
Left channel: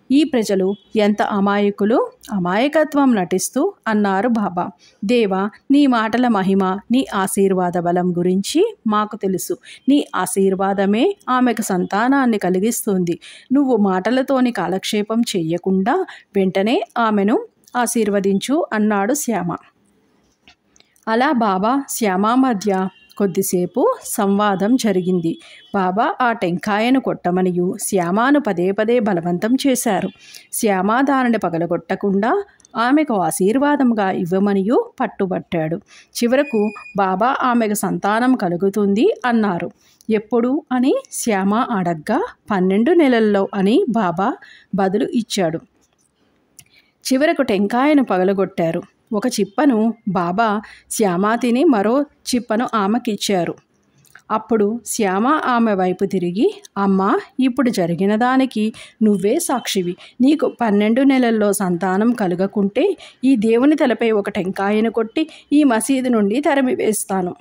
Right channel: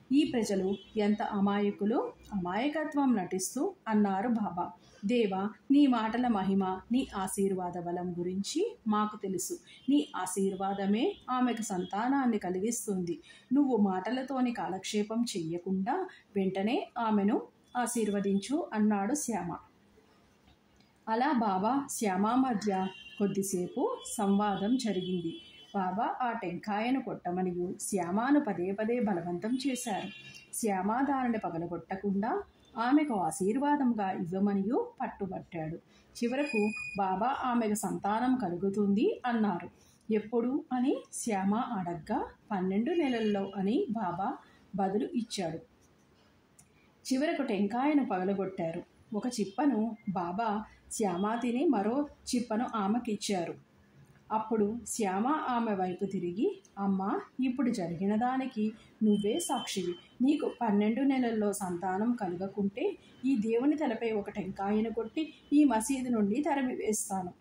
ఈ ప్రజలు ఎంత అమాయకులు! అమాయకత్వం నటిస్తూ అన్నారు బాబా. దేవా, నీ మాటల మహిమ, నీ ఆశీర్వాద బలం గురించి మాకు తెలుసు. నీ ఆశీర్వాదమే ఆమెకు సంతానాన్ని కలిగిస్తుంది. నువ్వు మాటలతోని కాలక్షేపం చెయ్యకుండా వెంటనే ఆమెను ఆశీర్వదించు అన్నాడు శ్యామ. అలా బాబా శ్యామ మధ్య కొద్దిసేపు సంవాదం జరిగింది. బాబా ఆ టెంకాయను కొట్టమనియు శ్యామాను పదే పదే బలవంతం చేశారు. శ్యామ దానిని పగలగొట్టకుండా ఆమెకు ఆశీర్వాదంగా ఇవ్వమనియు పట్టుబట్టాడు. చివరకు బాబా ఆమెకు సంతానం కలుగుతుంది అన్నారు. ఎప్పుడు అని శ్యామ అడగ్గా 12 నెలల్లో అని బాబా బదులు ఇచ్చాడు. చివరకు టెంకాయను పగలగొట్టారు. ఒక చిప్పను బాబా శ్యామ తిని మరో చిప్పను ఆమెకిచ్చారు. అప్పుడు శ్యామ ఆమె వైపు తిరిగి, అమ్మా, ఇప్పుడు జరిగిన దానికి నువ్వే సాక్షివి. నీకు 12 నెలల్లో సంతానం కలగకుంటే ఈ దేవుని తలపై ఒక టెంకాయను కొట్టి ఈ మసీదు నుండి తరిమివేస్తాను.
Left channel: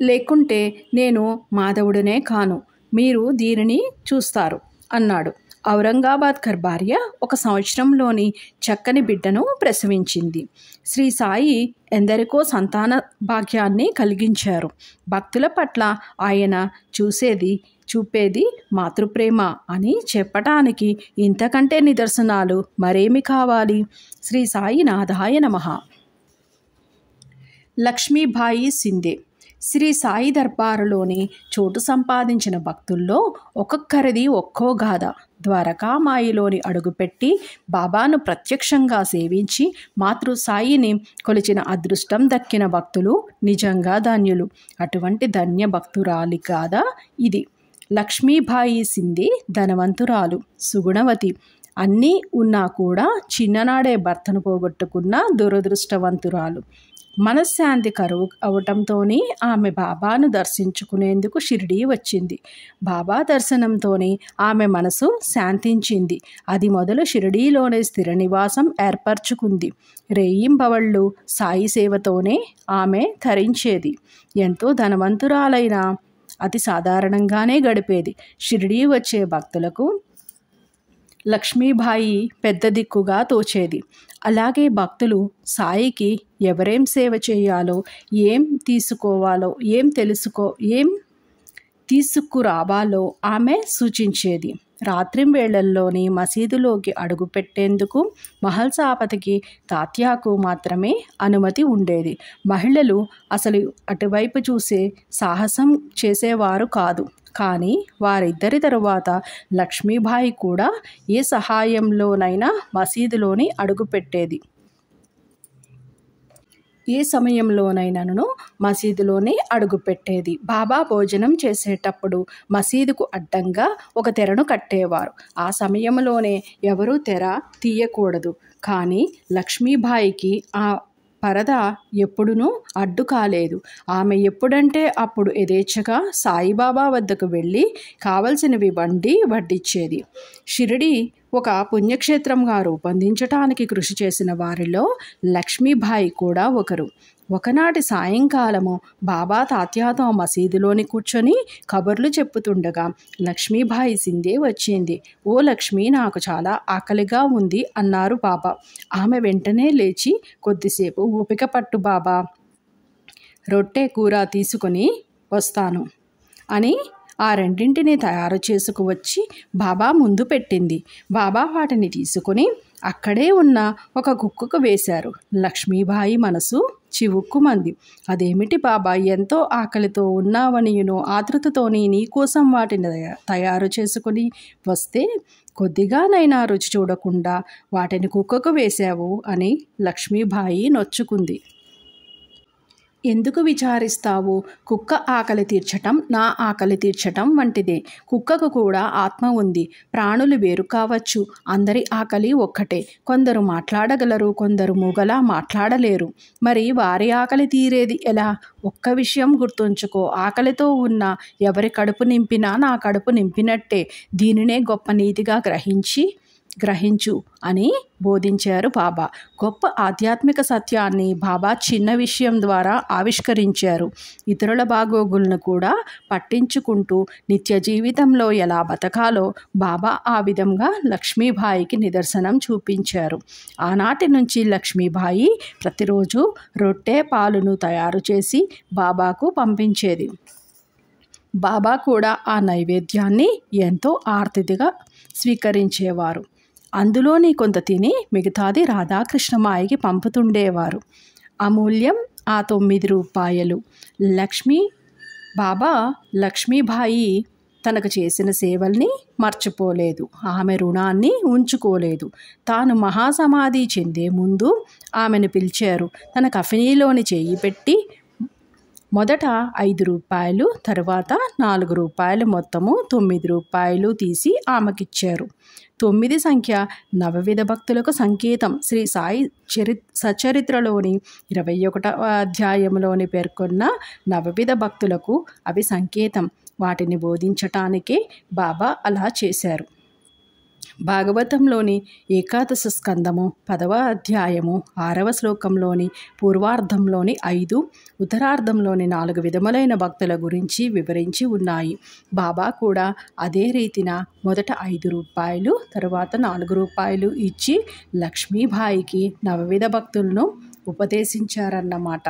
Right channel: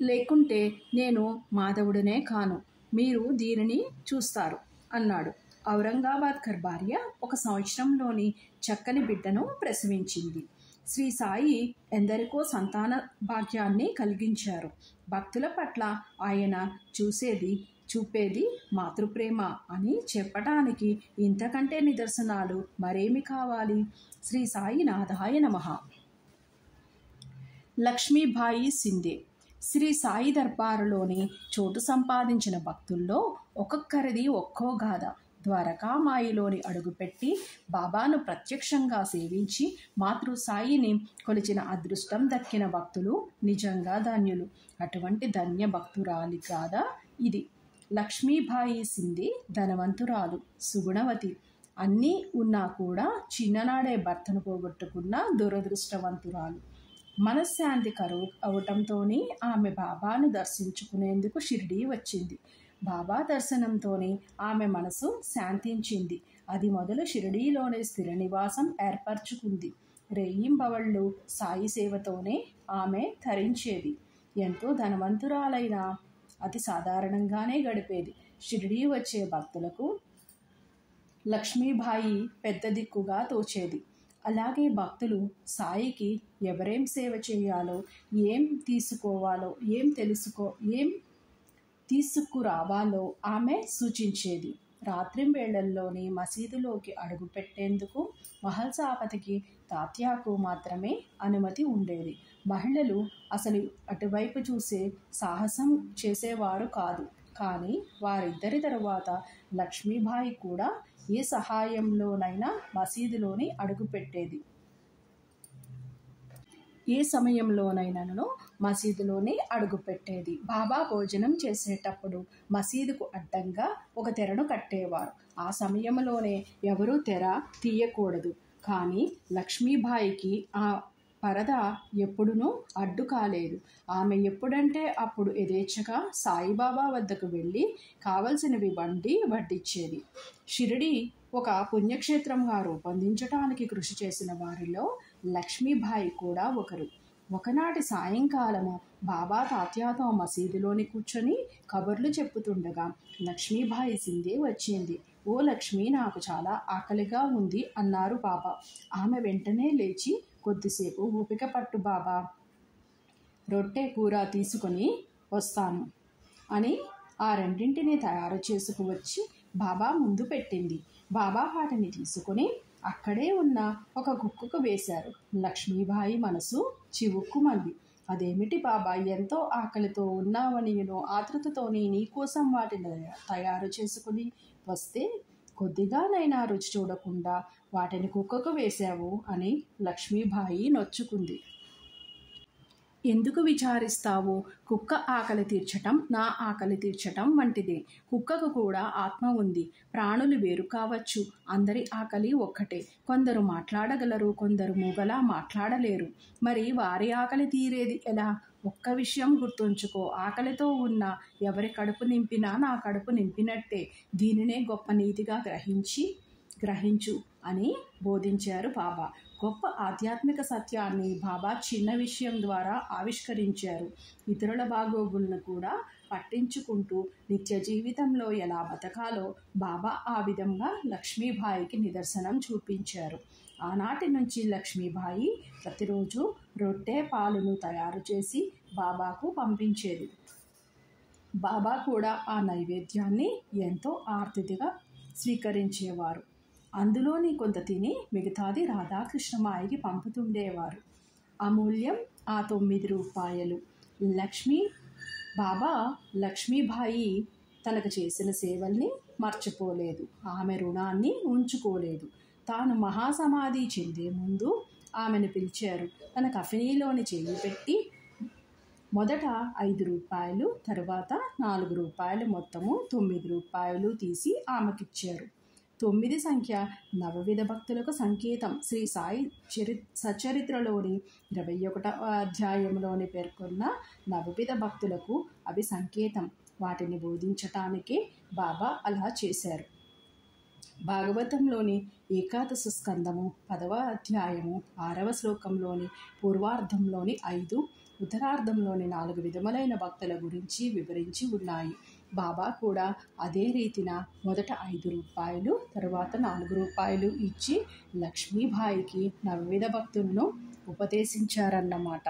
లేకుంటే నేను మాధవుడినే కాను. మీరు దీనిని చూస్తారు అన్నాడు. ఔరంగాబాద్కర్ భార్య 1 సంవత్సరంలోని చక్కని బిడ్డను ప్రసవించింది. శ్రీ సాయి ఎందరికో సంతాన భాగ్యాన్ని కలిగించారు. భక్తుల పట్ల ఆయన చూపేది మాతృప్రేమ అని చెప్పటానికి ఇంతకంటే నిదర్శనాలు మరేమి కావాలి? శ్రీ సాయి నాథాయ నమః. లక్ష్మీబాయి సిందే. శ్రీ సాయి దర్బారులోని చోటు సంపాదించిన భక్తుల్లో ఒక్కొక్కరిది ఒక్కో గాథ. ద్వారకామాయిలోని అడుగుపెట్టి బాబాను ప్రత్యక్షంగా సేవించి మాతృ సాయిని కొలిచిన అదృష్టం దక్కిన భక్తులు నిజంగా ధన్యులు. అటువంటి ధన్య భక్తురాలి కాదా ఇది. లక్ష్మీబాయి సిందే ధనవంతురాలు, సుగుణవతి. అన్నీ ఉన్నా కూడా చిన్ననాడే భర్తను పోగొట్టుకున్న దురదృష్టవంతురాలు. మనశ్శాంతి కరువు అవటంతోనే ఆమె బాబాను దర్శించుకునేందుకు షిరిడీ వచ్చింది. బాబా దర్శనంతోనే ఆమె మనసు శాంతించింది. అది మొదలు షిరిడీలోనే స్థిర నివాసం ఏర్పరచుకుంది. రేయింబవళ్ళు సాయి సేవతోనే ఆమె తరించేది. ఎంతో ధనవంతురాలైన అతి సాధారణంగానే గడిపేది. షిరిడీ వచ్చే భక్తులకు లక్ష్మీబాయి పెద్ద దిక్కుగా తోచేది. అలాగే భక్తులు సాయికి ఎవరేం సేవ చేయాలో, ఏం తీసుకురావాలో ఆమె సూచించేది. రాత్రి వేళల్లోని మసీదులోకి అడుగుపెట్టేందుకు మహల్సాపతికి తాత్యాకు మాత్రమే అనుమతి ఉండేది. మహిళలు అసలు అటువైపు చూసే సాహసం చేసేవారు కాదు. కానీ వారిద్దరి తరువాత లక్ష్మీబాయి కూడా ఏ సహాయంలోనైనా మసీదులోని అడుగుపెట్టేది. ఏ సమయంలోనైనాను మసీదులోనే అడుగుపెట్టేది. బాబా భోజనం చేసేటప్పుడు మసీదుకు అడ్డంగా ఒక తెరను కట్టేవారు. ఆ సమయంలోనే ఎవరూ తెర తీయకూడదు. కానీ లక్ష్మీబాయికి ఆ పరద ఎప్పుడునూ అడ్డు కాలేదు. ఆమె ఎప్పుడంటే అప్పుడు యథేచ్ఛగా సాయిబాబా వద్దకు వెళ్ళి కావలసినవి వడ్డించేది. షిరిడి ఒక పుణ్యక్షేత్రంగా రూపొందించటానికి కృషి చేసిన వారిలో లక్ష్మీబాయి కూడా ఒకరు. ఒకనాటి సాయంకాలము బాబా తాత్యాతో మసీదులోని కూర్చొని కబుర్లు చెప్పుతుండగా లక్ష్మీబాయి సిందే వచ్చింది. ఓ లక్ష్మి, నాకు చాలా ఆకలిగా ఉంది అన్నారు బాబా. ఆమె వెంటనే లేచి, కొద్దిసేపు ఓపిక పట్టు బాబా, రొట్టె కూర తీసుకొని వస్తాను అని ఆ రెండింటిని తయారు చేసుకువచ్చి బాబా ముందు పెట్టింది. బాబా వాటిని తీసుకొని అక్కడే ఉన్న ఒక కుక్కకు వేశారు. లక్ష్మీబాయి మనసు చివుక్కుమంది. అదేమిటి బాబా, ఎంతో ఆకలితో ఉన్నావనియును ఆతృతతోని నీకోసం వాటిని తయారు చేసుకొని వస్తే కొద్దిగానైనా రుచి చూడకుండా వాటిని కుక్కకు వేశావు అని లక్ష్మీబాయి నొచ్చుకుంది. ఎందుకు విచారిస్తావు? కుక్క ఆకలి తీర్చటం నా ఆకలి తీర్చటం వంటిదే. కుక్కకు కూడా ఆత్మ ఉంది. ప్రాణులు వేరు కావచ్చు. అందరి ఆకలి ఒక్కటే. కొందరు మాట్లాడగలరు, కొందరు మూగలా మాట్లాడలేరు. మరి వారి ఆకలి తీరేది ఎలా? ఒక్క విషయం గుర్తుంచుకో, ఆకలితో ఉన్న ఎవరి కడుపు నింపినా నా కడుపు నింపినట్టే. దీనినే గొప్ప నీతిగా గ్రహించు అని బోధించారు బాబా. గొప్ప ఆధ్యాత్మిక సత్యాన్ని బాబా చిన్న విషయం ద్వారా ఆవిష్కరించారు. ఇతరుల బాగోగులను కూడా పట్టించుకుంటూ నిత్య జీవితంలో ఎలా బతకాలో బాబా ఆ విధంగా లక్ష్మీబాయికి నిదర్శనం చూపించారు. ఆనాటి నుంచి లక్ష్మీబాయి ప్రతిరోజు రొట్టె, పాలును తయారు చేసి బాబాకు పంపించేది. బాబా కూడా ఆ నైవేద్యాన్ని ఎంతో ఆర్తిగా స్వీకరించేవారు. అందులోని కొంత తిని మిగతాది రాధాకృష్ణమాయికి పంపుతుండేవారు. అమూల్యం ఆ 9 రూపాయలు. బాబా లక్ష్మీబాయి తనకు చేసిన సేవల్ని మర్చిపోలేదు. ఆమె రుణాన్ని ఉంచుకోలేదు. తాను మహాసమాధి చెందే ముందు ఆమెను పిలిచారు. తన కఫినీలోని చేయి పెట్టి మొదట 5 రూపాయలు, తర్వాత 4 రూపాయలు, మొత్తము 9 రూపాయలు తీసి ఆమెకిచ్చారు. 9 సంఖ్య నవవిధ భక్తులకు సంకేతం. శ్రీ సాయి సచరిత్రలోని 21వ అధ్యాయంలోని పేర్కొన్న నవవిధ భక్తులకు అవి సంకేతం. వాటిని బోధించటానికే బాబా అలా చేశారు. భాగవతంలోని ఏకాదశ స్కందము 10వ అధ్యాయము 6వ శ్లోకంలోని పూర్వార్ధంలోని 5, ఉత్తరార్ధంలోని 4 విధములైన భక్తుల గురించి వివరించి ఉన్నాయి. బాబా కూడా అదే రీతిన మొదట 5 రూపాయలు, తర్వాత 4 రూపాయలు ఇచ్చి లక్ష్మీబాయికి నవవిధ భక్తులను ఉపదేశించారన్నమాట.